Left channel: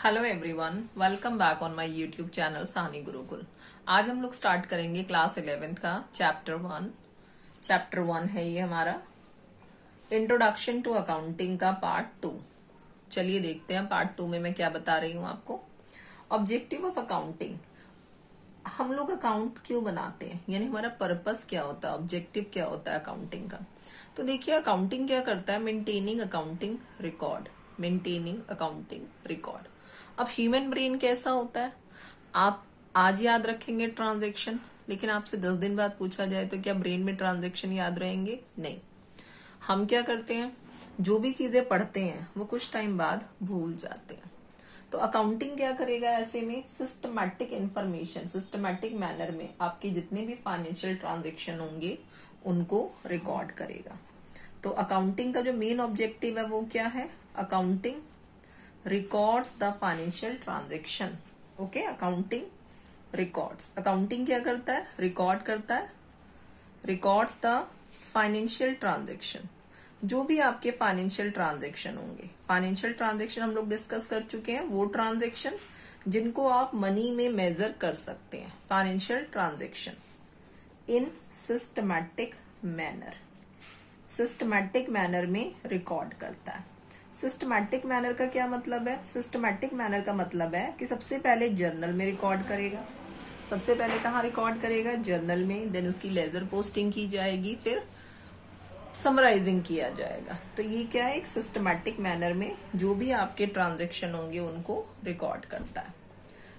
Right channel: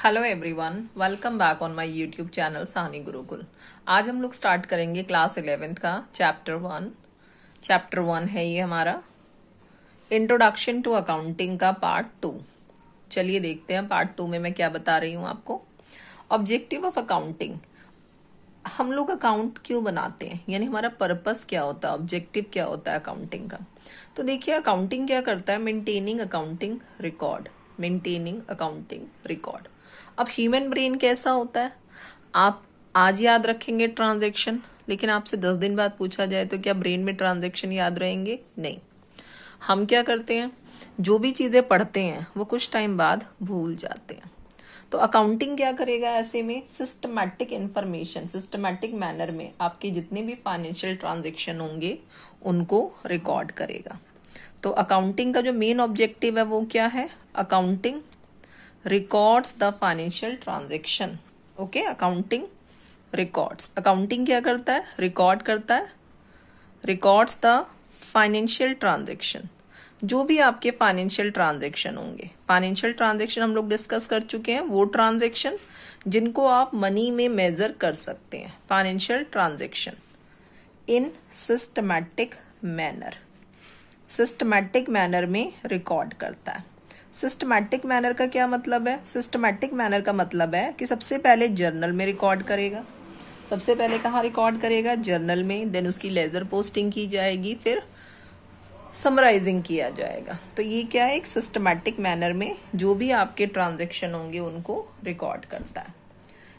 Hello everyone, welcome back on my YouTube channel Sahni Gurukul. आज हम लोग स्टार्ट करेंगे क्लास 11th का चैप्टर 1 है ये हमारा इंट्रोडक्शन टू अकाउंटिंग का पार्ट 2। चलिए देखते हैं पार्ट 2 में मैं क्या बता रही हूँ आपको। ऑब्जेक्टिव ऑफ अकाउंटिंग, हम लोग अकाउंट क्यों बनाते हैं, यानी हमारा पर्पस क्या होता है, ऑब्जेक्टिव क्या होता है अकाउंटिंग का। तो देखिए अकाउंटिंग क्या करता है, मेंटेनिंग अकाउंटिंग रिकॉर्ड। अब ह्यूमन ब्रेन कैसा होता है, आप आज याद रखेंगे ट्रांजैक्शन, लेकिन आपसे 10 दिन बाद पूछा जाए तो क्या ब्रेन में ट्रांजैक्शन याद रहेंगे? नहीं। हम क्या करते हैं, जो भी चीजें पढ़ते हैं वो कुछ टाइम बाद भूल जाते हैं। तो अकाउंटिंग क्या करेगा, ऐसे में सिस्टमैटिक इंफॉर्मेशन, सिस्टमैटिक मैनर में आपके जितने भी फाइनेंशियल ट्रांजैक्शन होंगे उनको रिकॉर्ड करेगा। तो अकाउंटिंग का जो मेन ऑब्जेक्टिव है वो क्या है, accounting records the financial transaction. Okay, accounting records, accounting क्या करता है, रिकॉर्ड करता है, रिकॉर्ड्स द फाइनेंशियल ट्रांजैक्शन, जो भी आपके फाइनेंशियल ट्रांजैक्शन होंगे। फाइनेंशियल ट्रांजैक्शन हम लोग डिस्कस कर चुके हैं, वो ट्रांजैक्शन जिनको आप मनी में मेजर कर सकते हैं। Financial transaction in systematic manner, systematic manner में रिकॉर्ड करता है। सिस्टमैटिक मैनर का क्या मतलब है, सिस्टमैटिक मैनर का मतलब है कि सबसे पहले जर्नल में रिकॉर्ड करेगा। सबसे पहले कहाँ रिकॉर्ड करेगा, जर्नल में, देन उसकी लेजर पोस्टिंग की जाएगी, फिर समराइजिंग किया जाएगा। तो ये क्या है, एक सिस्टमैटिक मैनर में जो भी आपके ट्रांजैक्शन होंगे उनको रिकॉर्ड करता है।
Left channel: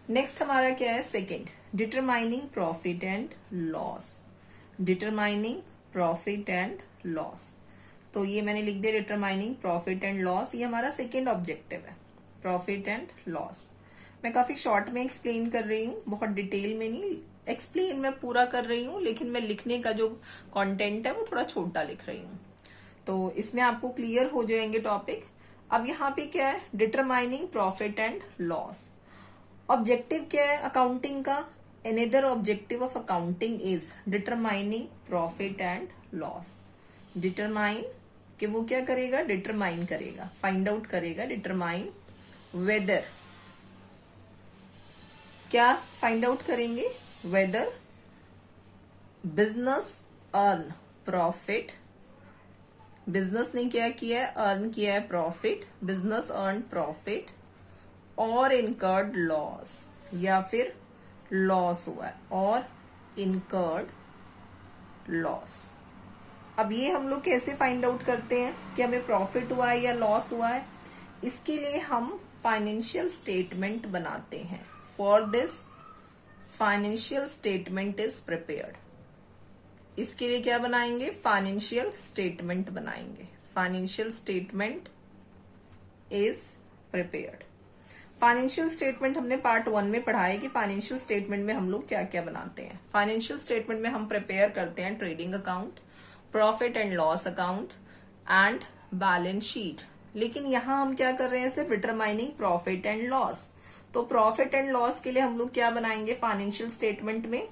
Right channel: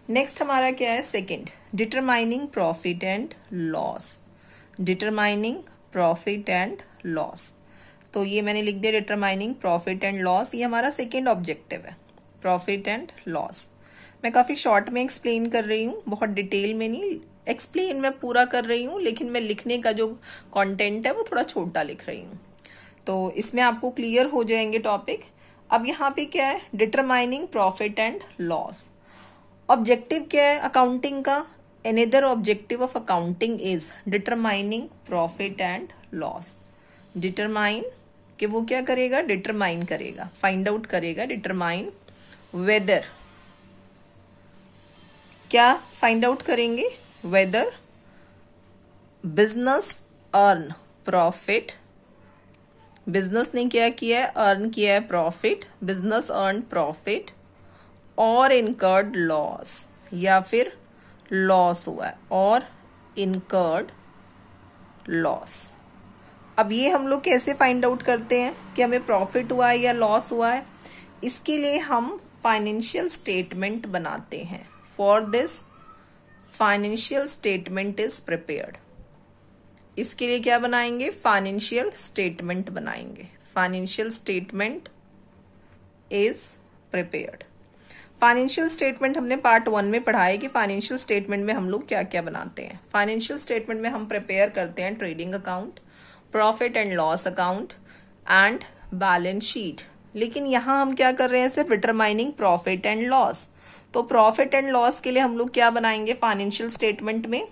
नेक्स्ट हमारा क्या है, second, determining profit and loss. Determining profit and loss, तो ये मैंने लिख दिया डिटरमाइनिंग प्रॉफिट एंड लॉस, ये हमारा सेकंड ऑब्जेक्टिव है, प्रॉफिट एंड लॉस। मैं काफी शॉर्ट में एक्सप्लेन कर रही हूँ, बहुत डिटेल में नहीं एक्सप्लेन मैं पूरा कर रही हूँ, लेकिन मैं लिखने का जो कंटेंट है वो थोड़ा छोटा लिख रही हूँ, तो इसमें आपको क्लियर हो जाएंगे टॉपिक। अब यहाँ पे क्या है, determining profit and loss. Objective क्या है अकाउंटिंग का, another objective of accounting is determining profit and loss. Determine, कि वो क्या करेगा, डिटरमाइन करेगा, फाइंड आउट करेगा, डिटरमाइन वेदर, क्या फाइंड आउट करेंगे, whether business earn profit, business ने क्या किया है, अर्न किया है प्रॉफिट, बिजनेस अर्न प्रॉफिट और इनकर्ड लॉस, या फिर लॉस हुआ है और इनकर्ड लॉस। अब ये हम लोग कैसे फाइंड आउट करते हैं कि हमें प्रॉफिट हुआ है या लॉस हुआ है, इसके लिए हम फाइनेंशियल स्टेटमेंट बनाते हैं। For this financial statement is prepared, इसके लिए क्या बनाएंगे, फाइनेंशियल स्टेटमेंट बनाएंगे। Financial statement is prepared. Financial statement हमने पार्ट 1 में पढ़ा है कि फाइनेंशियल स्टेटमेंट में हम लोग क्या क्या बनाते हैं। फाइनेंशियल स्टेटमेंट में हम प्रिपेयर करते हैं trading account, profit and loss account and balance sheet. लेकिन यहां हम क्या कर रहे हैं, सिर्फ डिटरमाइनिंग प्रॉफिट एंड लॉस। तो प्रॉफिट एंड लॉस के लिए हम लोग क्या बनाएंगे, फाइनेंशियल स्टेटमेंट में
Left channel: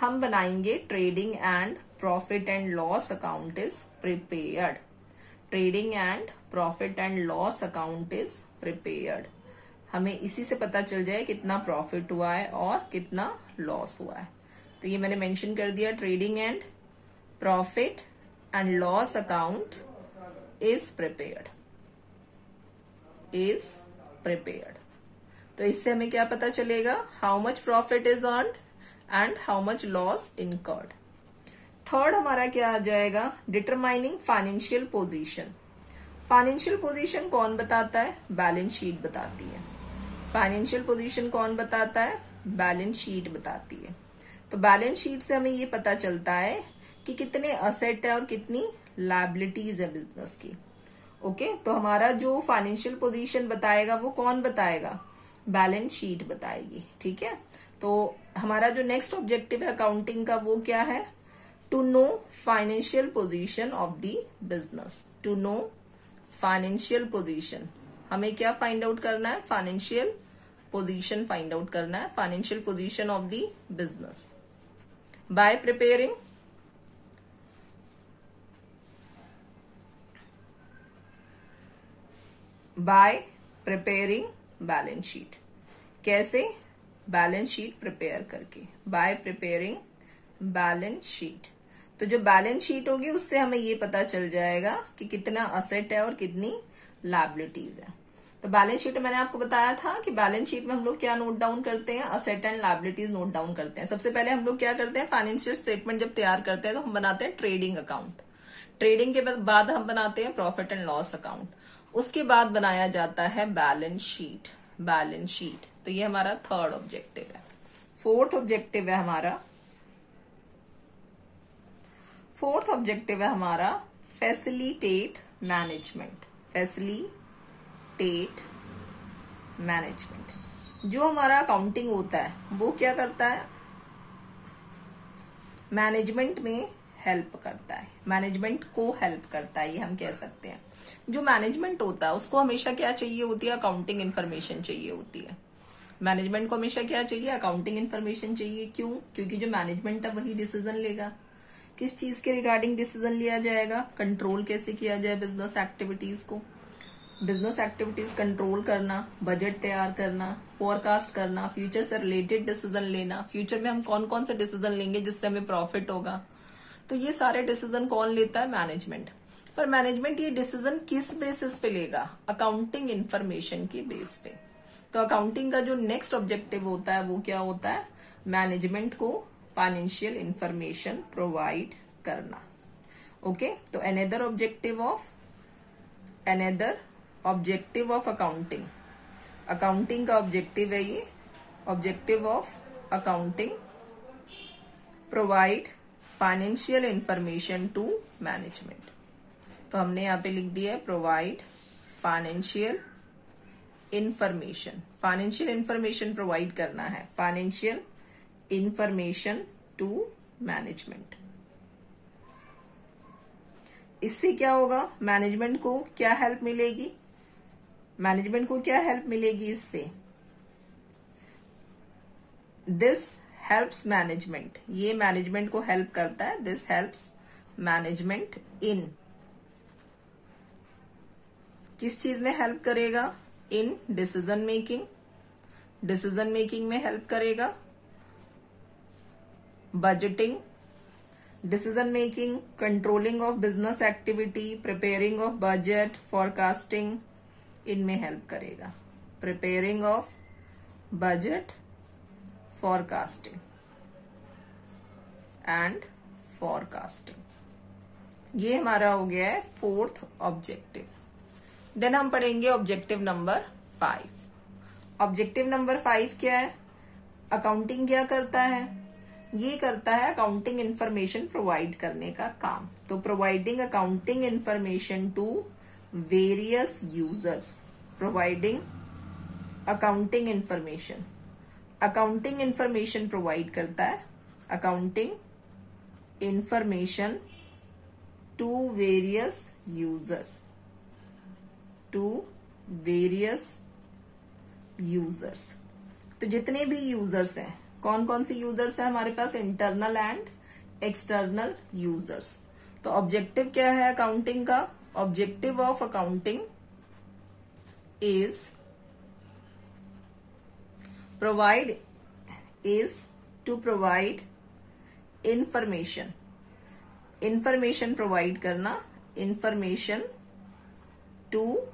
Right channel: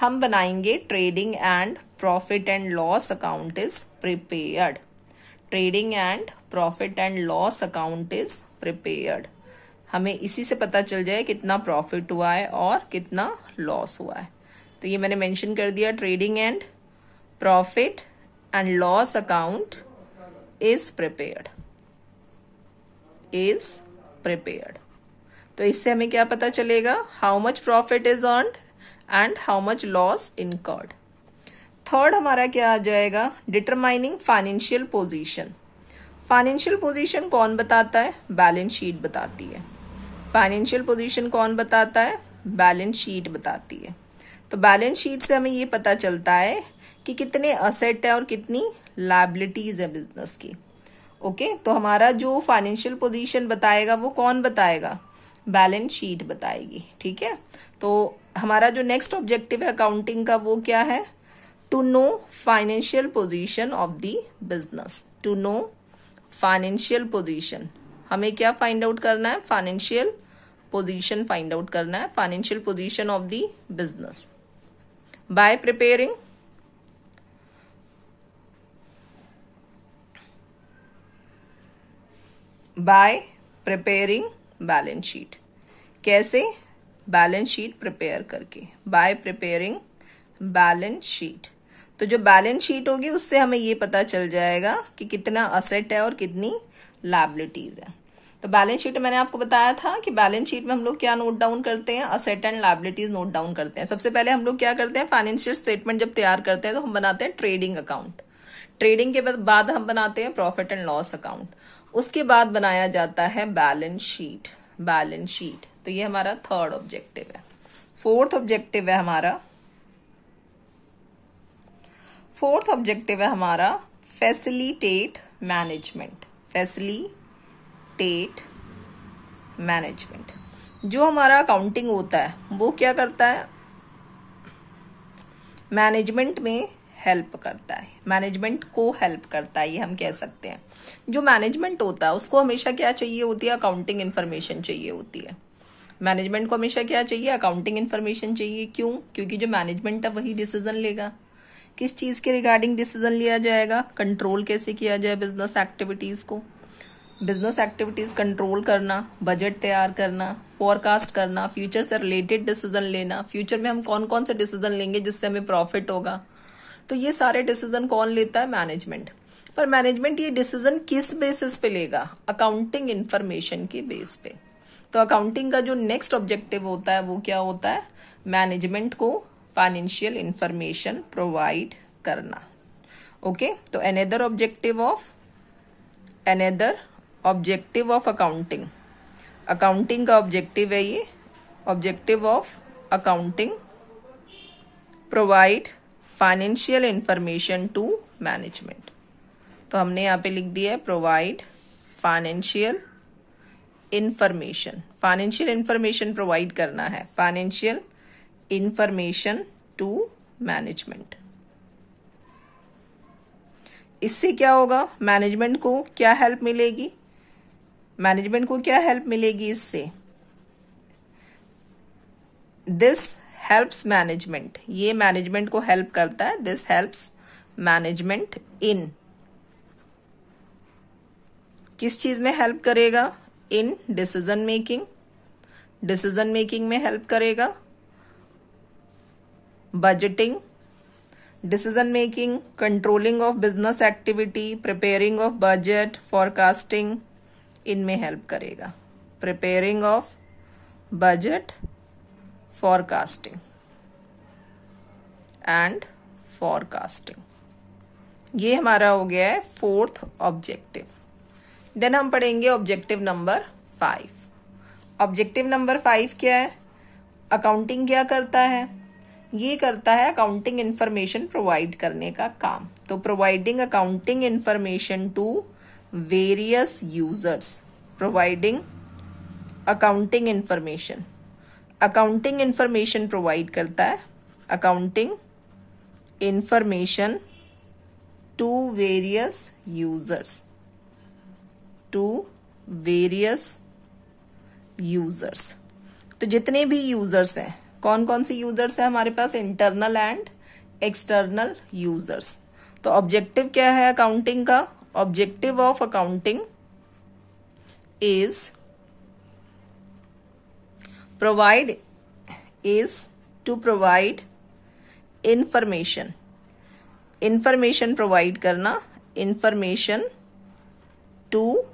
हम बनाएंगे trading and profit and loss account is prepared. Trading and profit and loss account is prepared, हमें इसी से पता चल जाए कितना प्रॉफिट हुआ है और कितना लॉस हुआ है। तो ये मैंने मेंशन कर दिया, trading and profit and loss account is prepared, is prepared. तो इससे हमें क्या पता चलेगा, how much profit is earned and how much loss incurred. Third हमारा क्या आ जाएगा, determining financial position. Financial position कौन बताता है, बैलेंस शीट बताती है। फाइनेंशियल पोजीशन कौन बताता है, बैलेंस शीट बताती है। तो बैलेंस शीट से हमें ये पता चलता है कि कितने असेट है और कितनी लायबिलिटीज है बिजनेस की। ओके, तो हमारा जो फाइनेंशियल पोजीशन बताएगा वो कौन बताएगा, बैलेंस शीट बताएगी। ठीक है, तो हमारा जो नेक्स्ट ऑब्जेक्टिव है अकाउंटिंग का वो क्या है, to know financial position of the business. To know financial position, हमें क्या फाइंड आउट करना है, फाइनेंशियल पोजीशन फाइंड आउट करना है, financial position of the business by preparing by preparing balance sheet. कैसे? बैलेंस शीट प्रिपेयर करके, bye preparing balance sheet. तो जो बैलेंस शीट होगी उससे हमें ये पता चल जाएगा कि कितना असेट है और कितनी लायबिलिटीज है। तो बैलेंस शीट मैंने आपको बताया था कि बैलेंस शीट में हम लोग क्या नोट डाउन करते हैं, asset and liabilities note down करते हैं। सबसे पहले हम लोग क्या करते हैं, फाइनेंशियल स्टेटमेंट जब तैयार करते हैं तो हम बनाते हैं ट्रेडिंग अकाउंट। ट्रेडिंग के बाद हम बनाते हैं प्रॉफिट एंड लॉस अकाउंट। उसके बाद बनाया जाता है बैलेंस शीट। बैलेंस शीट, तो ये हमारा थर्ड ऑब्जेक्टिव है। फोर्थ ऑब्जेक्टिव है हमारा फैसिलिटेट मैनेजमेंट। Facilitate management. जो हमारा अकाउंटिंग होता है वो क्या करता है, मैनेजमेंट में हेल्प करता है, मैनेजमेंट को हेल्प करता है, ये हम कह सकते हैं। जो मैनेजमेंट होता है उसको हमेशा क्या चाहिए होती है, अकाउंटिंग इन्फॉर्मेशन चाहिए होती है। मैनेजमेंट को हमेशा क्या चाहिए, अकाउंटिंग इन्फॉर्मेशन चाहिए। क्यों? क्योंकि जो मैनेजमेंट है वही डिसीजन लेगा। किस चीज के रिगार्डिंग डिसीजन लिया जाएगा, कंट्रोल कैसे किया जाए बिजनेस एक्टिविटीज को, बिजनेस एक्टिविटीज कंट्रोल करना, बजट तैयार करना, फोरकास्ट करना, फ्यूचर से रिलेटेड डिसीजन लेना, फ्यूचर में हम कौन कौन से डिसीजन लेंगे जिससे हमें प्रॉफिट होगा। तो ये सारे डिसीजन कौन लेता है, मैनेजमेंट। पर मैनेजमेंट ये डिसीजन किस बेसिस पे लेगा, अकाउंटिंग इन्फॉर्मेशन के बेस पे। तो अकाउंटिंग का जो नेक्स्ट ऑब्जेक्टिव होता है वो क्या होता है, मैनेजमेंट को फाइनेंशियल इंफॉर्मेशन प्रोवाइड करना। ओके, तो another objective of accounting. Accounting का ऑब्जेक्टिव है ये, objective of accounting provide financial information to management. तो हमने यहाँ पे लिख दिया है प्रोवाइड फाइनेंशियल इंफॉर्मेशन प्रोवाइड करना है, फाइनेंशियल इंफॉर्मेशन टू मैनेजमेंट। इससे क्या होगा, मैनेजमेंट को क्या हेल्प मिलेगी, इससे दिस हेल्प्स मैनेजमेंट, ये मैनेजमेंट को हेल्प करता है। दिस हेल्प्स मैनेजमेंट इन, किस चीज में हेल्प करेगा, इन डिसीजन मेकिंग में हेल्प करेगा, budgeting, decision making, controlling of business activity, preparing of budget, forecasting, इनमें हेल्प करेगा। Preparing of budget, forecasting and forecasting, ये हमारा हो गया है फोर्थ ऑब्जेक्टिव। देन हम पढ़ेंगे ऑब्जेक्टिव नंबर 5। ऑब्जेक्टिव नंबर 5 क्या है, अकाउंटिंग क्या करता है, ये करता है अकाउंटिंग इंफॉर्मेशन प्रोवाइड करने का काम। तो providing accounting information to various users, providing accounting information provide करता है, accounting information to various users. तो जितने भी यूजर्स हैं, कौन कौन से यूजर्स हैं हमारे पास, इंटरनल एंड एक्सटर्नल यूजर्स। तो ऑब्जेक्टिव क्या है अकाउंटिंग का, objective of accounting is to provide information provide करना, इंफॉर्मेशन टू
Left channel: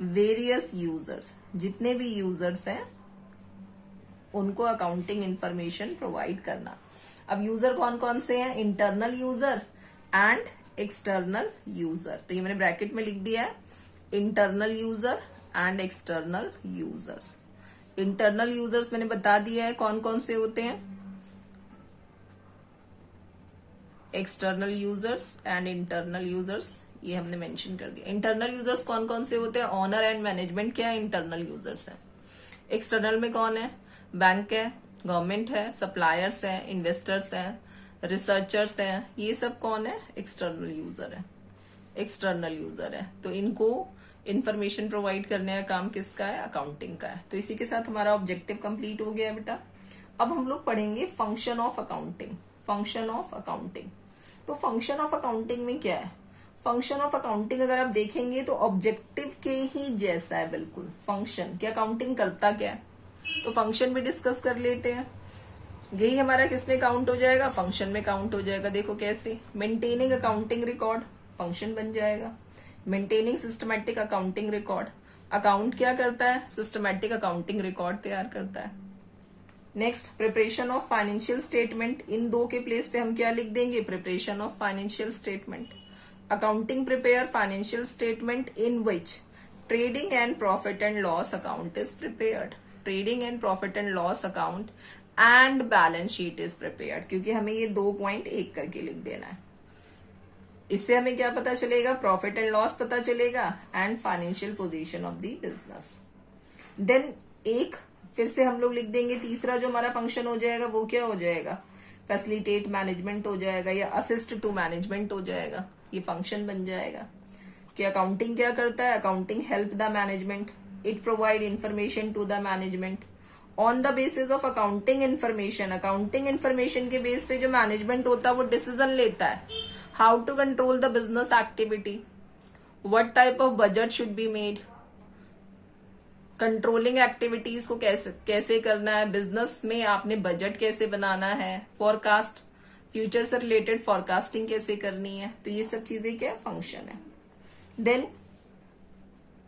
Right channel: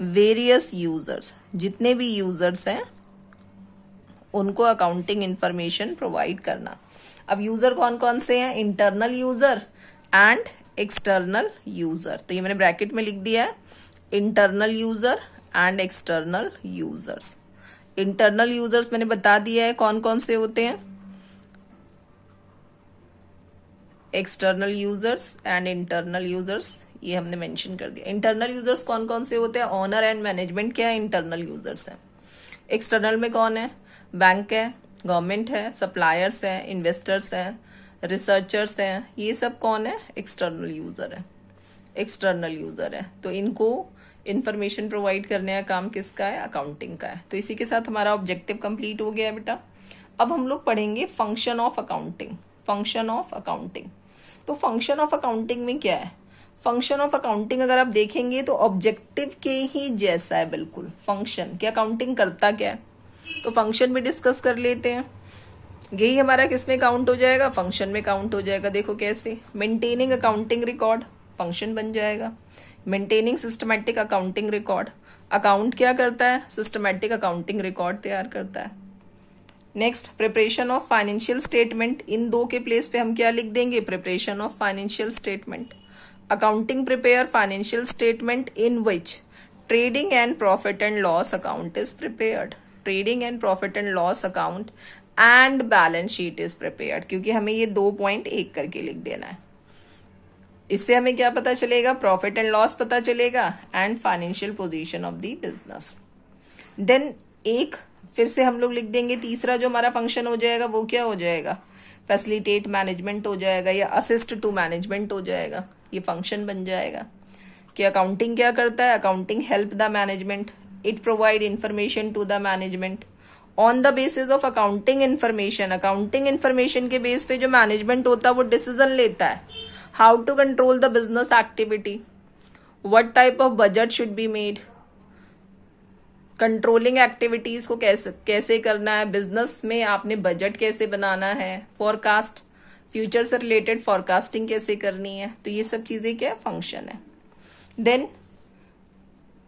वेरियस यूजर्स, जितने भी यूजर्स हैं उनको अकाउंटिंग इंफॉर्मेशन प्रोवाइड करना। अब यूजर कौन कौन से हैं, internal user and external user. तो ये मैंने ब्रैकेट में लिख दिया है, internal user and external users. Internal users मैंने बता दिया है कौन कौन से होते हैं, external users and internal users, ये हमने मेंशन कर दिया। इंटरनल यूजर्स कौन कौन से होते हैं, ऑनर एंड मैनेजमेंट क्या है, इंटरनल यूजर्स हैं। एक्सटर्नल में कौन है, बैंक है, गवर्नमेंट है, सप्लायर्स हैं, इन्वेस्टर्स हैं, रिसर्चर्स हैं, ये सब कौन है, एक्सटर्नल यूजर है। तो इनको इंफॉर्मेशन प्रोवाइड करने का काम किसका है, अकाउंटिंग का है। तो इसी के साथ हमारा ऑब्जेक्टिव कंप्लीट हो गया बेटा। अब हम लोग पढ़ेंगे फंक्शन ऑफ अकाउंटिंग। तो फंक्शन ऑफ अकाउंटिंग में क्या है, फंक्शन ऑफ अकाउंटिंग अगर आप देखेंगे तो ऑब्जेक्टिव के ही जैसा है बिल्कुल। फंक्शन कि अकाउंटिंग करता क्या है, तो फंक्शन भी डिस्कस कर लेते हैं। यही हमारा किस में काउंट हो जाएगा, फंक्शन में काउंट हो जाएगा। देखो कैसे, मेंटेनिंग अकाउंटिंग रिकॉर्ड फंक्शन बन जाएगा। Maintaining systematic accounting record, account क्या करता है, सिस्टमैटिक अकाउंटिंग रिकॉर्ड तैयार करता है। Next, preparation of financial statement, इन दो के प्लेस पे हम क्या लिख देंगे, preparation of financial statement. Accounting prepare financial statement in which trading and profit and loss account is prepared. Trading and profit and loss account and balance sheet is prepared, क्योंकि हमें ये 2 पॉइंट एक करके लिख देना है। इससे हमें क्या पता चलेगा, प्रॉफिट एंड लॉस पता चलेगा and financial position of the business. Then एक फिर से हम लोग लिख देंगे, तीसरा जो हमारा फंक्शन हो जाएगा वो क्या हो जाएगा, फैसिलिटेट मैनेजमेंट हो जाएगा या असिस्ट टू मैनेजमेंट हो जाएगा। ये फंक्शन बन जाएगा कि अकाउंटिंग क्या करता है, accounting help the management, it provide information to the management on the basis of accounting information. Accounting information के बेस पे जो मैनेजमेंट होता है वो डिसीजन लेता है, how to control the business activity, what type of budget should be made, controlling activities को कैसे करना है, बिजनेस में आपने बजट कैसे बनाना है, फोरकास्ट, फ्यूचर से रिलेटेड फोरकास्टिंग कैसे करनी है। तो ये सब चीजें क्या फंक्शन है। Then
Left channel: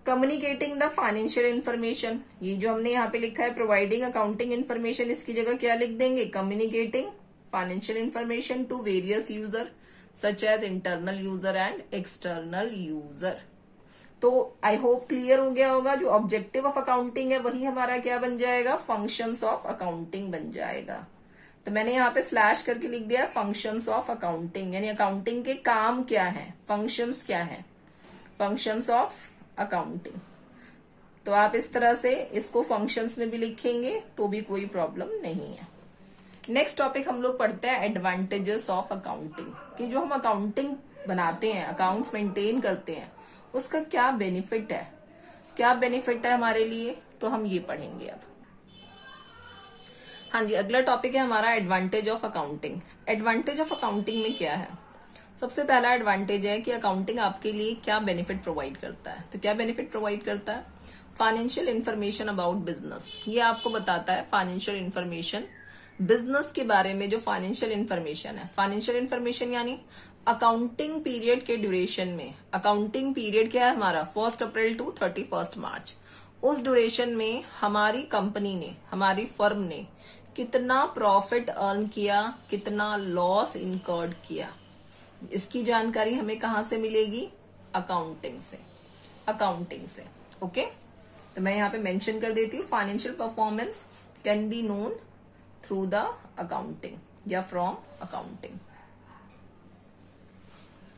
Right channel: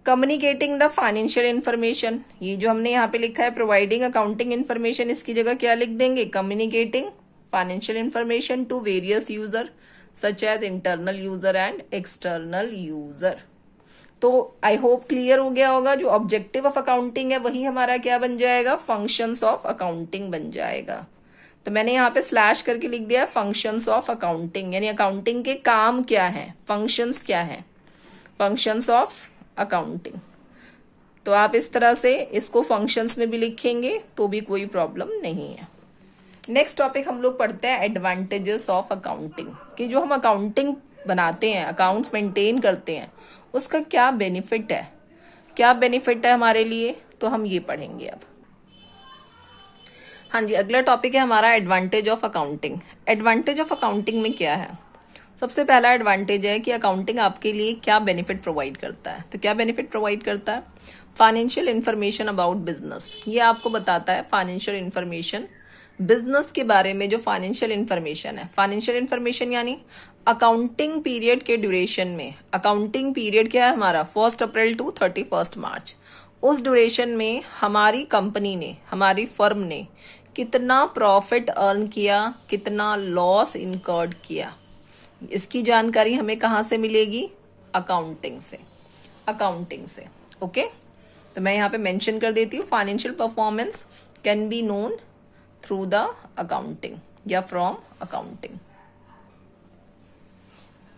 communicating the financial information, ये जो हमने यहाँ पे लिखा है प्रोवाइडिंग अकाउंटिंग इंफॉर्मेशन, इसकी जगह क्या लिख देंगे, communicating financial information to various user such as internal user and external user. तो आई होप क्लियर हो गया होगा, जो ऑब्जेक्टिव ऑफ अकाउंटिंग है वही हमारा क्या बन जाएगा, फंक्शंस ऑफ अकाउंटिंग बन जाएगा। तो मैंने यहाँ पे स्लैश करके लिख दिया फंक्शंस ऑफ अकाउंटिंग, यानी अकाउंटिंग के काम क्या है, फंक्शंस क्या है, फंक्शंस ऑफ अकाउंटिंग। तो आप इस तरह से इसको फंक्शंस में भी लिखेंगे तो भी कोई प्रॉब्लम नहीं है। नेक्स्ट टॉपिक हम लोग पढ़ते हैं एडवांटेजेस ऑफ अकाउंटिंग, कि जो हम अकाउंटिंग बनाते हैं, अकाउंट्स मेंटेन करते हैं, उसका क्या बेनिफिट है, क्या बेनिफिट है हमारे लिए, तो हम ये पढ़ेंगे अब। हाँ जी, अगला टॉपिक है हमारा advantage of accounting. Advantage of accounting में क्या है, सबसे पहला एडवांटेज है कि अकाउंटिंग आपके लिए क्या बेनिफिट प्रोवाइड करता है। तो क्या बेनिफिट प्रोवाइड करता है, फाइनेंशियल इंफॉर्मेशन अबाउट बिजनेस, ये आपको बताता है फाइनेंशियल इंफॉर्मेशन, बिजनेस के बारे में जो फाइनेंशियल इंफॉर्मेशन है। फाइनेंशियल इंफॉर्मेशन यानी अकाउंटिंग पीरियड के ड्यूरेशन में, अकाउंटिंग पीरियड क्या है हमारा 1 अप्रैल टू 31 मार्च, उस ड्यूरेशन में हमारी कंपनी ने, हमारी फर्म ने कितना प्रॉफिट अर्न किया, कितना लॉस इनकर्ड किया, इसकी जानकारी हमें कहां से मिलेगी, अकाउंटिंग से, अकाउंटिंग से। ओके, तो मैं यहाँ पे मेंशन कर देती हूँ, financial performance can be known through the accounting या फ्रॉम अकाउंटिंग।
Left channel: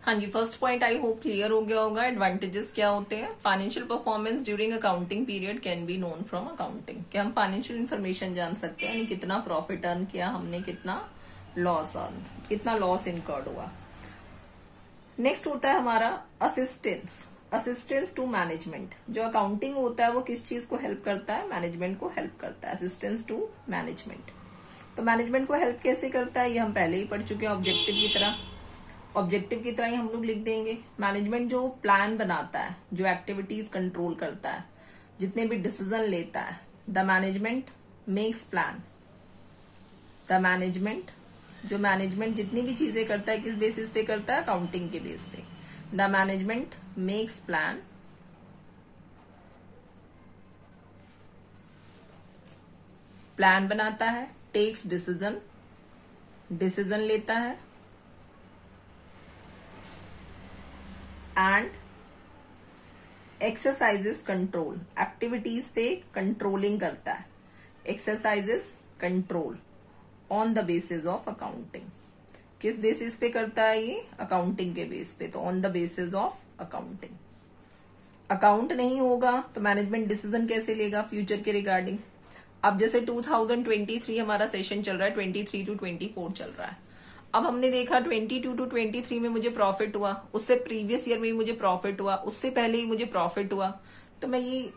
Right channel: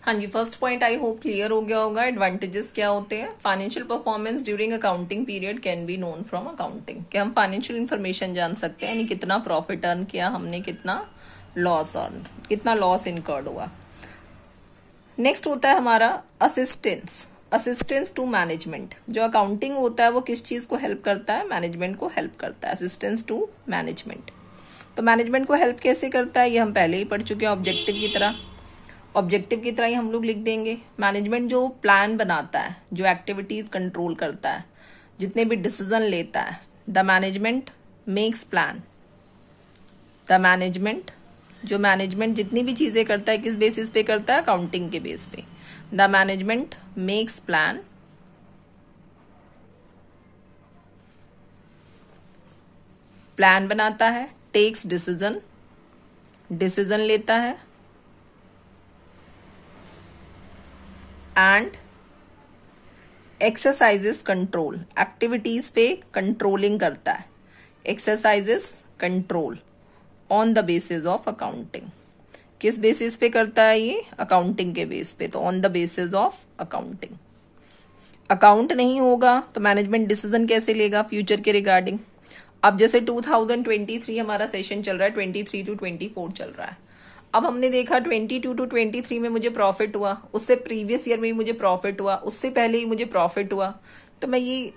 हाँ जी, first point I hope clear हो गया होगा। एडवांटेजेस क्या होते हैं, financial performance during accounting period can be known from accounting, कि हम फाइनेंशियल इंफॉर्मेशन जान सकते हैं, यानी कितना प्रॉफिट अर्न किया हमने, कितना लॉस अर्न, कितना लॉस इनकर्ड हुआ। नेक्स्ट होता है हमारा असिस्टेंस, असिस्टेंस टू मैनेजमेंट। जो अकाउंटिंग होता है वो किस चीज को हेल्प करता है, मैनेजमेंट को हेल्प करता है, असिस्टेंस टू मैनेजमेंट। तो मैनेजमेंट को हेल्प कैसे करता है, ये हम पहले ही पढ़ चुके हैं, ऑब्जेक्टिव की तरह, ऑब्जेक्टिव की तरह ही हम लोग लिख देंगे। मैनेजमेंट जो प्लान बनाता है, जो एक्टिविटीज कंट्रोल करता है, जितने भी डिसीजन लेता है, the management makes plan. The management, जो मैनेजमेंट जितनी भी चीजें करता है किस बेसिस पे करता है, अकाउंटिंग के बेस पे। The management makes plan, plan बनाता है, टेक्स डिसीजन, डिसीजन लेता है, एंड एक्सरसाइजेस कंट्रोल, एक्टिविटीज पे कंट्रोलिंग करता है, exercises control on the basis of accounting. किस बेसिस पे करता है ये, अकाउंटिंग के बेस पे, तो on the basis of accounting. Account नहीं होगा तो मैनेजमेंट डिसीजन कैसे लेगा फ्यूचर के रिगार्डिंग। अब जैसे 2023 हमारा सेशन चल रहा है, 23 to 24 चल रहा है। अब हमने देखा 22 to 23 में मुझे प्रॉफिट हुआ, उससे प्रीवियस ईयर में ही मुझे प्रॉफिट हुआ, उससे पहले ही मुझे प्रॉफिट हुआ। तो मैं ये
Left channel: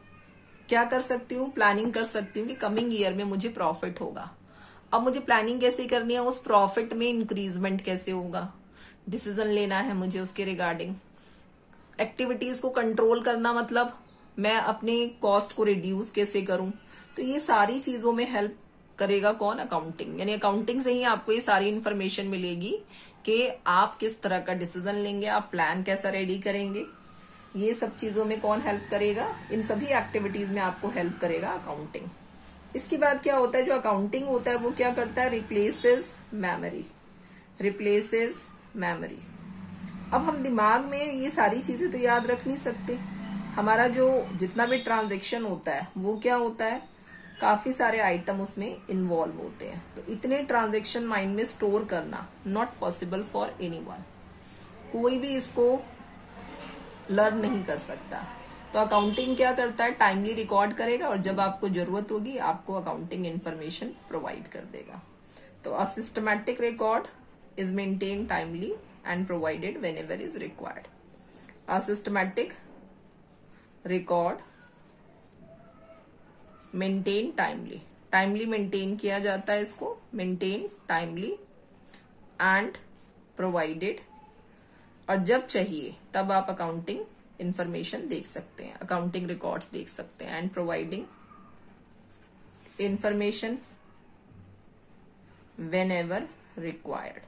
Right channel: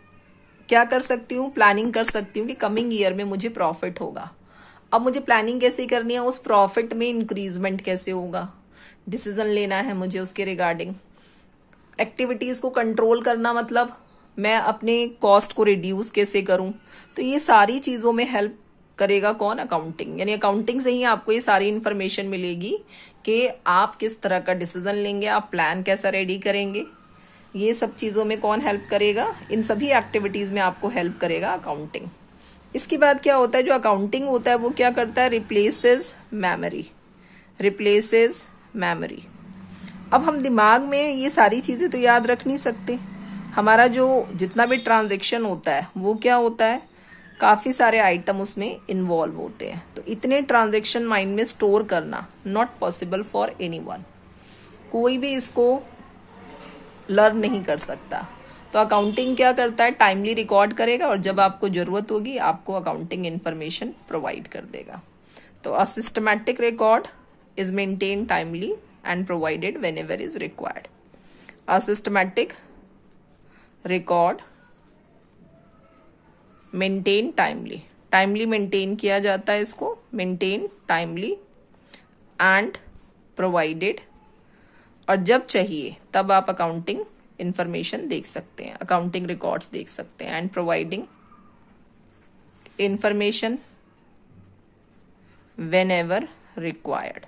क्या कर सकती हूँ, प्लानिंग कर सकती हूँ कि कमिंग ईयर में मुझे प्रॉफिट होगा। अब मुझे प्लानिंग कैसे करनी है, उस प्रॉफिट में इंक्रीजमेंट कैसे होगा, डिसीजन लेना है मुझे उसके रिगार्डिंग। एक्टिविटीज को कंट्रोल करना मतलब मैं अपने कॉस्ट को रिड्यूस कैसे करूं, तो ये सारी चीजों में हेल्प करेगा कौन? अकाउंटिंग। यानी अकाउंटिंग से ही आपको ये सारी इंफॉर्मेशन मिलेगी कि आप किस तरह का डिसीजन लेंगे, आप प्लान कैसा रेडी करेंगे। ये सब चीजों में कौन हेल्प करेगा? इन सभी एक्टिविटीज में आपको हेल्प करेगा अकाउंटिंग। इसके बाद क्या होता है, जो अकाउंटिंग होता है वो क्या करता है? Replaces memory, replaces memory. अब हम दिमाग में ये सारी चीजें तो याद रख नहीं सकते। हमारा जो जितना भी ट्रांजैक्शन होता है वो क्या होता है, काफी सारे आइटम उसमें इन्वॉल्व होते हैं, तो इतने ट्रांजैक्शन माइंड में स्टोर करना नॉट पॉसिबल फॉर एनीवन। कोई भी इसको लर्न नहीं कर सकता। तो अकाउंटिंग क्या करता है? टाइमली रिकॉर्ड करेगा और जब आपको जरूरत होगी आपको अकाउंटिंग इंफॉर्मेशन प्रोवाइड कर देगा। तो a systematic record is maintained timely and provided whenever is required. A systematic record maintain timely, timely maintain किया जाता है इसको, maintain timely and provided, और जब चाहिए तब आप अकाउंटिंग इंफॉर्मेशन देख सकते हैं, अकाउंटिंग रिकॉर्ड्स देख सकते हैं, and providing information whenever required.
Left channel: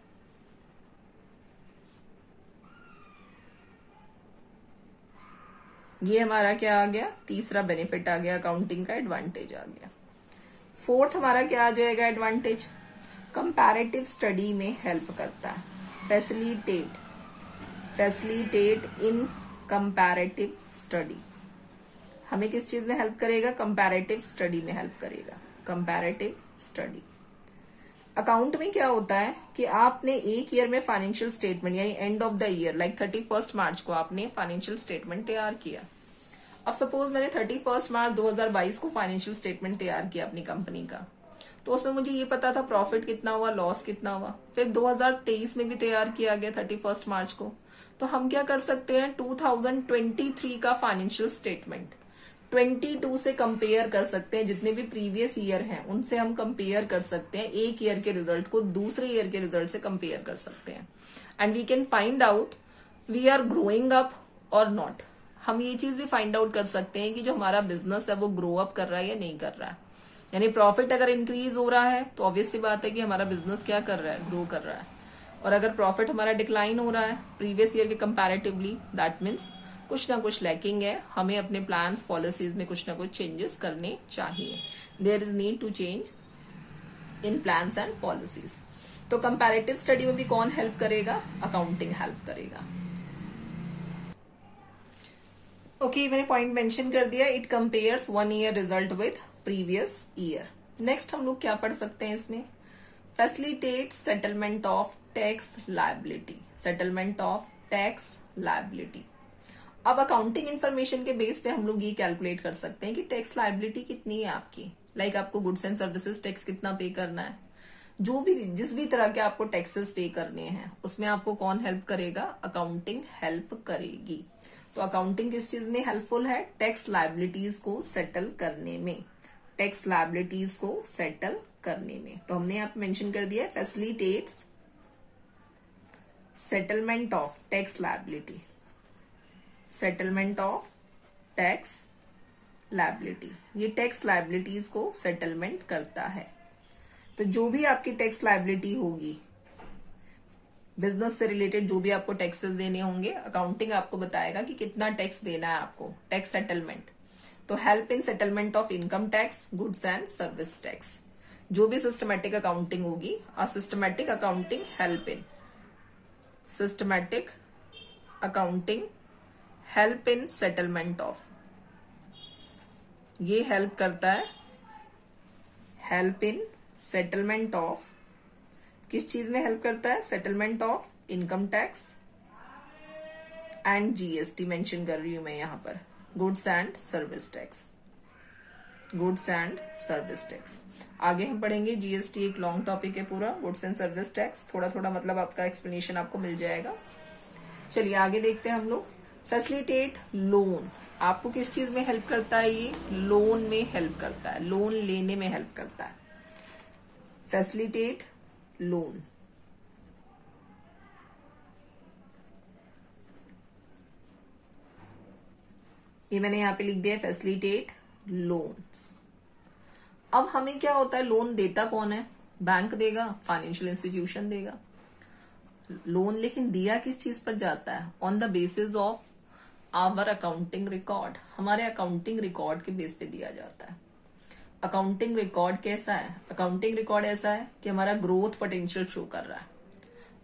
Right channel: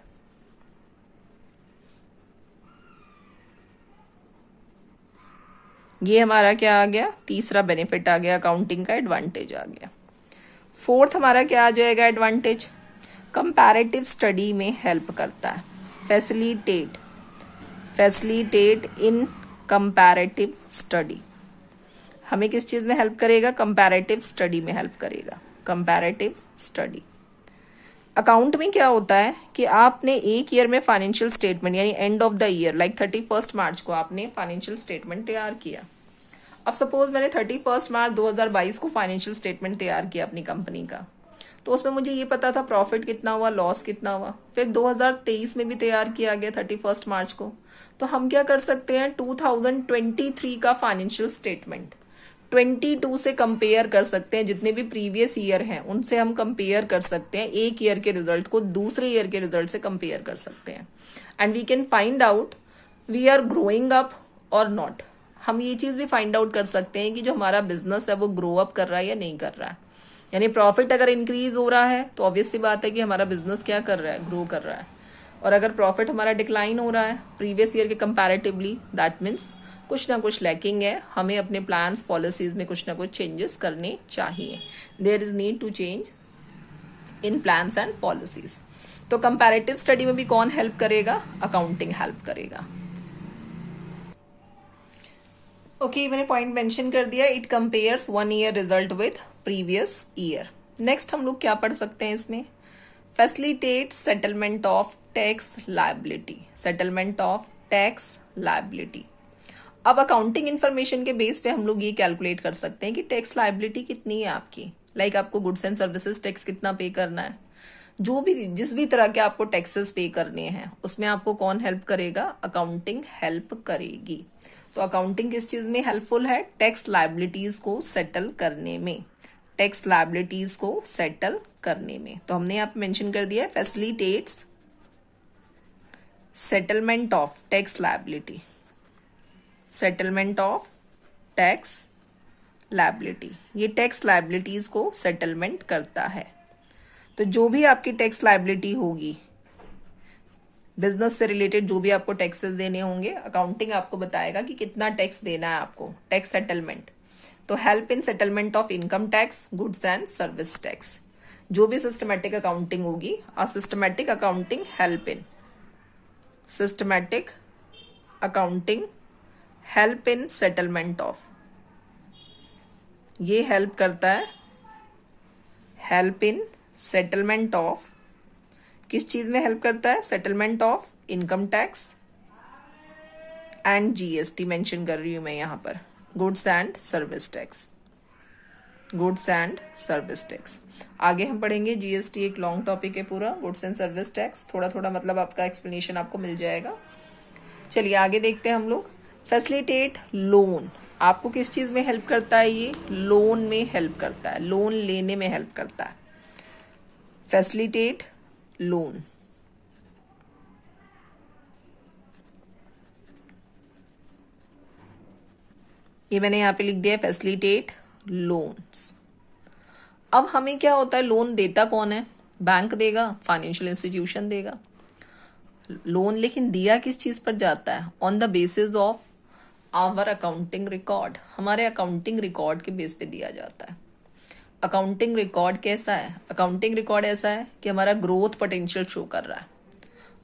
ये हमारा क्या आ गया? तीसरा बेनिफिट आ गया, अकाउंटिंग का एडवांटेज आ गया। फोर्थ हमारा क्या आ जाएगा एडवांटेज? कंपैरेटिव स्टडी में हेल्प करता है, फैसिलिटेट, फैसिलिटेट इन कंपैरेटिव स्टडी। हमें किस चीज में हेल्प करेगा? कंपैरेटिव स्टडी में हेल्प करेगा, कंपैरेटिव स्टडी। अकाउंट में क्या होता है कि आपने एक ईयर में फाइनेंशियल स्टेटमेंट यानी end of the year like 31 मार्च को आपने फाइनेंशियल स्टेटमेंट तैयार किया। अब सपोज मैंने 31 मार्च 2022 को फाइनेंशियल स्टेटमेंट तैयार किया अपनी कंपनी का, तो उसमें मुझे ये पता था प्रॉफिट कितना हुआ, लॉस कितना हुआ। फिर 2023 में भी तैयार किया गया 31 मार्च को, तो हम क्या कर सकते हैं? 2023 का फाइनेंशियल स्टेटमेंट 22 से कंपेयर कर सकते हैं, जितने भी प्रीवियस ईयर हैं उनसे हम कंपेयर कर सकते हैं, एक ईयर के रिजल्ट को दूसरे ईयर के रिजल्ट से कंपेयर कर सकते हैं, and we can find out we are growing up और नॉट। हम ये चीज भी फाइंड आउट कर सकते हैं कि जो हमारा बिजनेस है वो ग्रो अप कर रहा है या नहीं कर रहा है। यानी प्रॉफिट अगर इंक्रीज हो रहा है तो ऑब्वियस सी बात है कि हमारा बिजनेस क्या कर रहा है? ग्रो कर रहा है। और अगर प्रॉफिट हमारा डिक्लाइन हो रहा है प्रीवियस ईयर के कंपैरेटिवली, दैट मीन्स कुछ ना कुछ लैकिंग है, हमें अपने प्लान्स पॉलिसीज में कुछ ना कुछ चेंजेस करने चाहिए। There is need to change in plans and policies. तो कंपैरेटिव स्टडी में भी कौन हेल्प करेगा? अकाउंटिंग हेल्प करेगा। ओके, मैंने पॉइंट मेंशन कर दिया, it compares 1 year result with previous year. Next हम लोग क्या पढ़ सकते हैं इसमें? Facilitate settlement of tax liability, settlement of tax liability. अब अकाउंटिंग इन्फॉर्मेशन के बेस पे हम लोग ये कैलकुलेट कर सकते हैं कि टैक्स लायबिलिटी कितनी है आपकी, लाइक आपको गुड्स एंड सर्विसेज टैक्स कितना पे करना है, जो भी जिस भी तरह के आपको टैक्सेस पे करने हैं उसमें आपको कौन हेल्प करेगा? अकाउंटिंग हेल्प करेगी। तो अकाउंटिंग किस चीज में हेल्पफुल है? टैक्स लायबिलिटीज को सेटल करने में, टैक्स लायबिलिटीज को सेटल करने में। तो हमने यहाँ पे मेंशन कर दिया है facilitates settlement of tax liability, settlement of tax liability. ये टैक्स लायबिलिटीज को सेटलमेंट करता है। तो जो भी आपकी टैक्स लायबिलिटी होगी, बिजनेस से रिलेटेड जो भी आपको टैक्सेस देने होंगे, अकाउंटिंग आपको बताएगा कि कितना टैक्स देना है आपको, टैक्स सेटलमेंट। तो help in settlement of income tax, goods and service tax. जो भी सिस्टमैटिक अकाउंटिंग होगी, आ systematic accounting help in, systematic accounting help in settlement of, ये हेल्प करता है, हेल्प इन सेटलमेंट ऑफ, किस चीज में हेल्प करता है? Settlement of income tax and GST mention कर रही हूं मैं यहां पर, goods and service tax, goods and service tax. आगे हम पढ़ेंगे जीएसटी, एक लॉन्ग टॉपिक है पूरा, गुड्स एंड सर्विस टैक्स, थोड़ा थोड़ा मतलब आपका एक्सप्लेनेशन आपको मिल जाएगा। चलिए आगे देखते हैं हम लोग। फैसिलिटेट लोन, आपको किस चीज में हेल्प करता है? ये लोन में हेल्प करता है, लोन लेने में हेल्प करता है। फैसिलिटेट लोन, ये मैंने यहाँ पे लिख दिया फैसिलिटेट लोन्स। अब हमें क्या होता है, लोन देता कौन है? बैंक देगा, फाइनेंशियल इंस्टीट्यूशन देगा लोन। लेकिन दिया किस चीज पर जाता है? On the basis of our accounting record, हमारे अकाउंटिंग रिकॉर्ड के बेस पे दिया जाता है। अकाउंटिंग रिकॉर्ड कैसा है? अकाउंटिंग रिकॉर्ड ऐसा है कि हमारा ग्रोथ पोटेंशियल शो कर रहा है,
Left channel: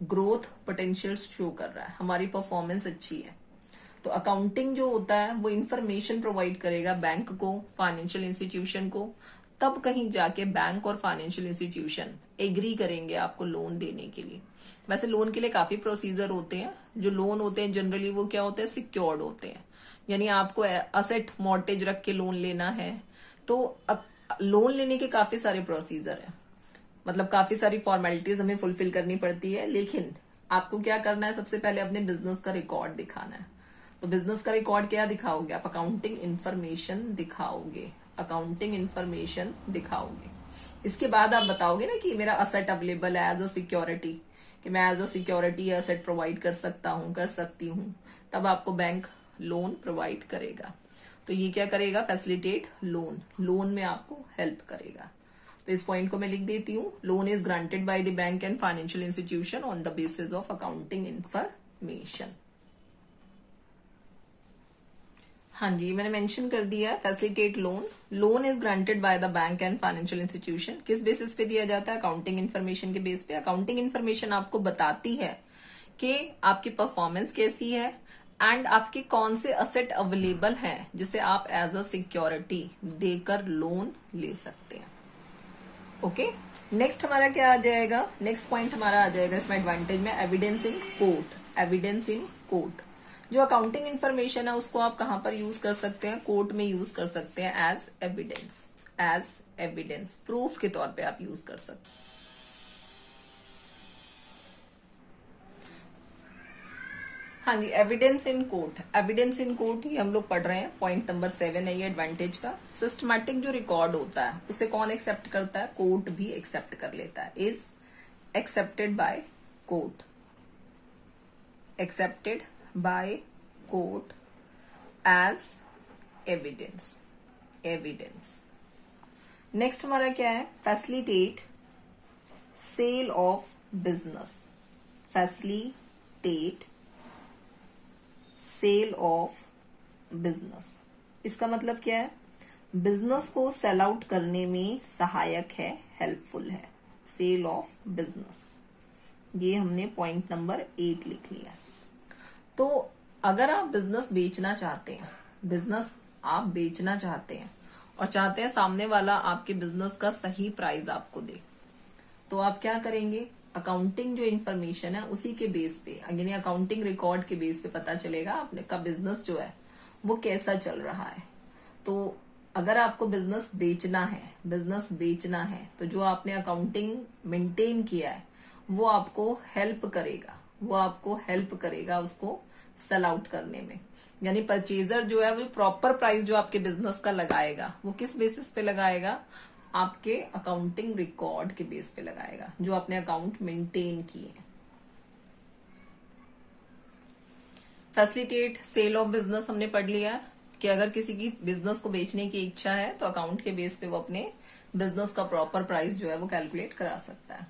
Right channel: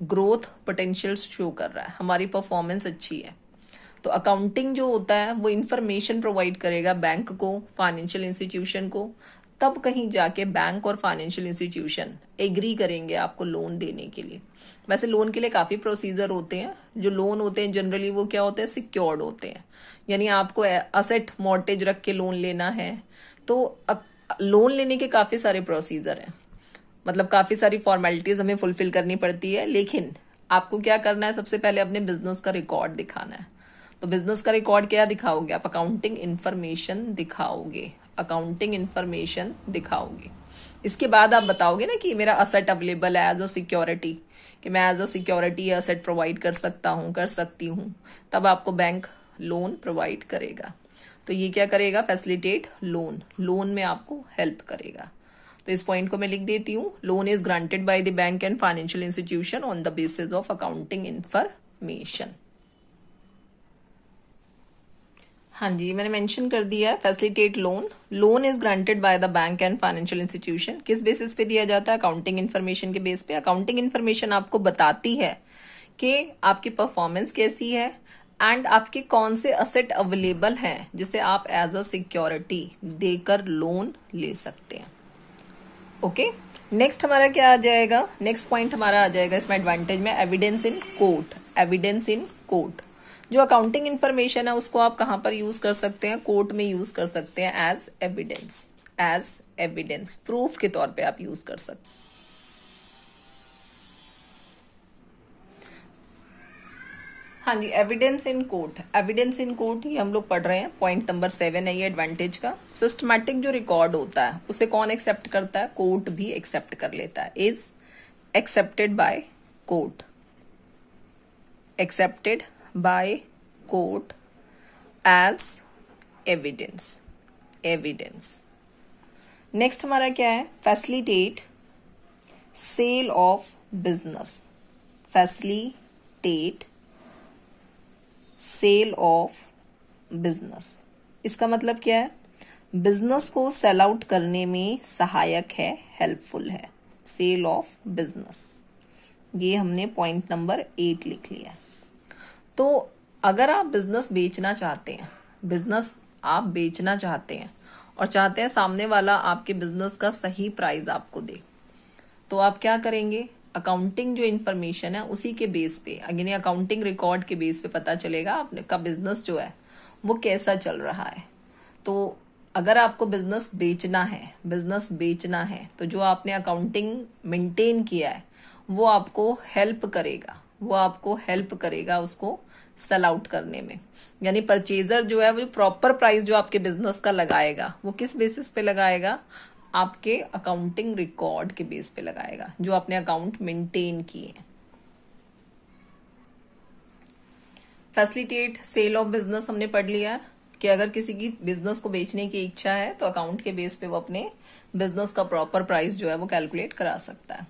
ग्रोथ पोटेंशियल शो कर रहा है, हमारी परफॉर्मेंस अच्छी है। तो अकाउंटिंग जो होता है वो इंफॉर्मेशन प्रोवाइड करेगा बैंक को, फाइनेंशियल इंस्टीट्यूशन को, तब कहीं जाके बैंक और फाइनेंशियल इंस्टीट्यूशन एग्री करेंगे आपको लोन देने के लिए। वैसे लोन के लिए काफी प्रोसीजर होते हैं। जो लोन होते हैं जनरली वो क्या होते हैं? सिक्योर्ड होते हैं, यानी आपको असेट मॉर्टेज रख के लोन लेना है। तो लोन लेने के काफी सारे प्रोसीजर हैं, मतलब काफी सारी फॉर्मेलिटीज हमें फुलफिल करनी पड़ती है। लेकिन आपको क्या करना है? सबसे पहले अपने बिजनेस का रिकॉर्ड दिखाना है। तो बिजनेस का रिकॉर्ड क्या दिखाओगे आप? अकाउंटिंग इंफॉर्मेशन दिखाओगे, अकाउंटिंग इंफॉर्मेशन दिखाओगे। इसके बाद आप बताओगे ना कि मेरा असेट अवेलेबल है एज अ सिक्योरिटी, कि मैं as a security asset provide कर सकता हूँ, कर सकती हूँ, तब आपको बैंक लोन प्रोवाइड करेगा। तो ये क्या करेगा? फैसिलिटेट लोन, लोन में आपको हेल्प करेगा। तो इस पॉइंट को मैं लिख देती हूँ, loan is granted by the bank and financial institution on the basis of accounting information. हाँ जी, मैंने मेंशन कर दिया है facilitate loan. Loan is granted by the bank and financial institution. किस बेसिस पे दिया जाता है? अकाउंटिंग इंफॉर्मेशन के बेस पे। अकाउंटिंग इंफॉर्मेशन आपको बताती है कि आपकी परफॉर्मेंस कैसी है एंड आपके कौन से असेट अवेलेबल हैं जिसे आप एज अ सिक्योरिटी देकर लोन ले सकते हैं। ओके, नेक्स्ट हमारा क्या आ जाएगा? नेक्स्ट पॉइंट हमारा आ जाएगा इसमें एडवांटेज में evidence in court. Evidence in court, जो अकाउंटिंग इंफॉर्मेशन है उसको आप कहां पर यूज कर सकते हैं? कोर्ट में यूज कर सकते हैं as evidence, as evidence proof के तौर पे आप यूज कर सकते हैं। हाँ जी, evidence in court. Evidence in court ही हम लोग पढ़ रहे हैं, पॉइंट नंबर 7 है ये एडवांटेज का। सिस्टमैटिक जो रिकॉर्ड होता है उसे कौन एक्सेप्ट करता है? कोर्ट भी एक्सेप्ट कर लेता है। Is accepted by court, accepted by court as evidence, evidence. Next हमारा क्या है? Facilitate sale of business, facilitate sale of business. इसका मतलब क्या है? बिजनेस को सेल आउट करने में सहायक है, हेल्पफुल है। सेल ऑफ बिजनेस, ये हमने पॉइंट नंबर 8 लिख लिया। तो अगर आप बिजनेस बेचना चाहते हैं, बिजनेस आप बेचना चाहते हैं और चाहते हैं सामने वाला आपके बिजनेस का सही प्राइस आपको दे, तो आप क्या करेंगे? अकाउंटिंग जो इन्फॉर्मेशन है उसी के बेस पे, यानी अकाउंटिंग रिकॉर्ड के बेस पे पता चलेगा आपका बिजनेस जो है वो कैसा चल रहा है। तो अगर आपको बिजनेस बेचना है, बिजनेस बेचना है, तो जो आपने अकाउंटिंग मेंटेन किया है वो आपको हेल्प करेगा, वो आपको हेल्प करेगा उसको सेल आउट करने में। यानी परचेजर जो है वो प्रॉपर प्राइस जो आपके बिजनेस का लगाएगा वो किस बेसिस पे लगाएगा? आपके अकाउंटिंग रिकॉर्ड के बेस पे लगाएगा, जो आपने अकाउंट मेंटेन किए। फैसिलिटेट सेल ऑफ बिजनेस हमने पढ़ लिया कि अगर किसी की बिजनेस को बेचने की इच्छा है तो अकाउंट के बेस पे वो अपने बिजनेस का प्रॉपर प्राइस जो है वो कैलकुलेट करा सकता है।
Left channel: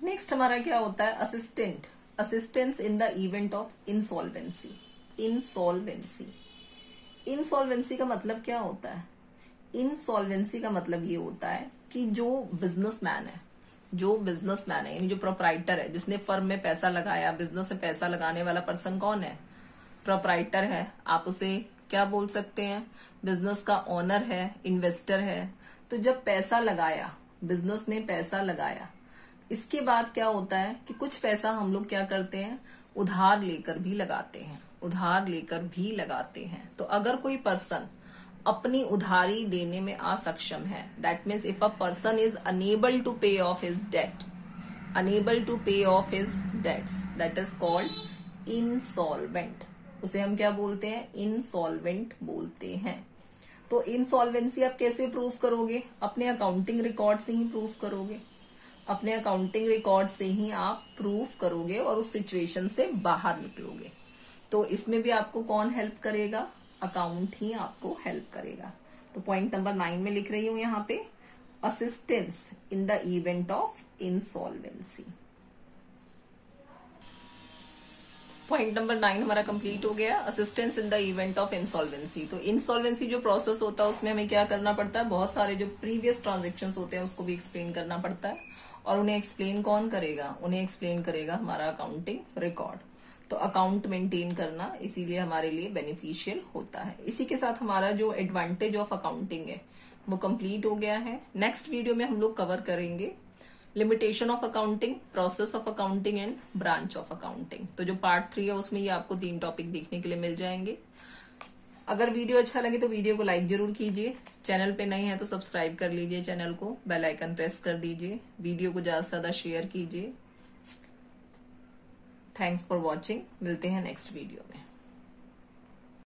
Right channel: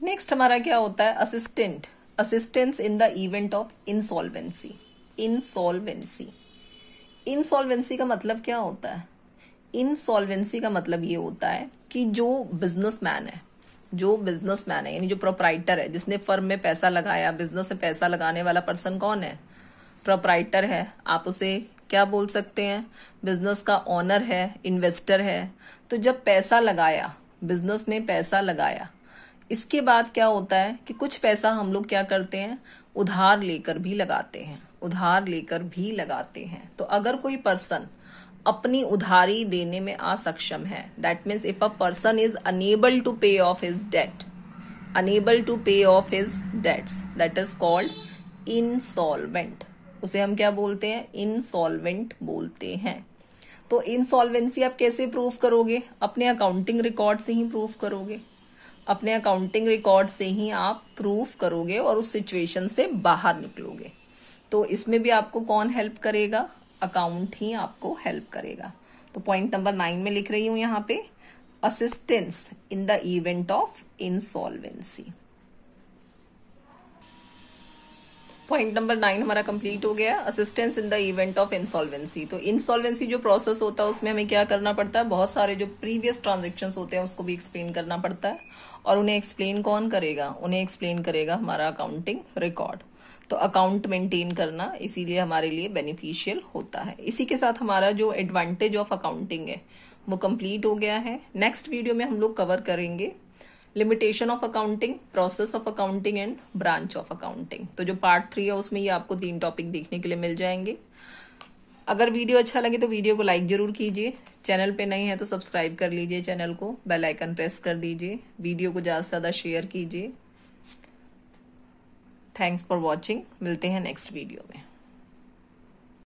नेक्स्ट हमारा क्या होता है? Assistant, assistance in the event of insolvency. Insolvency, insolvency का मतलब क्या होता है? इंसॉल्वेंसी का मतलब ये होता है कि जो बिजनेसमैन है, जो बिजनेसमैन है यानी जो प्रोप्राइटर है, जिसने फर्म में पैसा लगाया, बिजनेस में पैसा लगाने वाला पर्सन कौन है? प्रोप्राइटर है। आप उसे क्या बोल सकते हैं? बिजनेस का ओनर है, इन्वेस्टर है। तो जब पैसा लगाया, बिजनेस में पैसा लगाया, इसके बाद क्या होता है कि कुछ पैसा हम लोग क्या करते हैं? उधार लेकर भी लगाते हैं, उधार लेकर भी लगाते हैं। तो अगर कोई पर्सन अपनी उधारी देने में असक्षम है, that means if a person is unable to pay off his debt, unable to pay off his debts, that is called insolvent. उसे हम क्या बोलते हैं? इंसॉल्वेंट बोलते हैं। तो इंसॉल्वेंसी आप कैसे प्रूव करोगे? अपने अकाउंटिंग रिकॉर्ड से ही प्रूव करोगे, अपने अकाउंटिंग रिकॉर्ड से ही आप प्रूफ करोगे और उस सिचुएशन से बाहर निकलोगे। तो इसमें भी आपको कौन हेल्प करेगा? अकाउंट ही आपको हेल्प करेगा। तो पॉइंट नंबर 9 में लिख रही हूं यहाँ पे, assistance in the event of insolvency. Point number 9 हमारा कंप्लीट हो गया, assistance in the event of insolvency. तो इंसॉल्वेंसी जो प्रोसेस होता है उसमें हमें क्या करना पड़ता है, बहुत सारे जो प्रीवियस ट्रांजेक्शन्स होते हैं उसको भी एक्सप्लेन करना पड़ता है, और उन्हें एक्सप्लेन कौन करेगा, उन्हें एक्सप्लेन करेगा हमारा अकाउंटिंग रिकॉर्ड। तो अकाउंट मेंटेन करना इसीलिए हमारे लिए बेनिफिशियल होता है। इसी के साथ हमारा जो एडवांटेज ऑफ अकाउंटिंग है वो कंप्लीट हो गया है। नेक्स्ट वीडियो में हम लोग कवर करेंगे limitation of accounting, process of accounting and branch of accounting. तो जो पार्ट 3 है उसमें ये आपको 3 टॉपिक देखने के लिए मिल जाएंगे। अगर वीडियो अच्छा लगे तो वीडियो को लाइक जरूर कीजिए, चैनल पे नए हैं तो सब्सक्राइब कर लीजिए चैनल को, बेल आइकन प्रेस कर दीजिए, वीडियो को ज्यादा से ज्यादा शेयर कीजिए। थैंक्स फॉर वॉचिंग, मिलते हैं नेक्स्ट वीडियो में।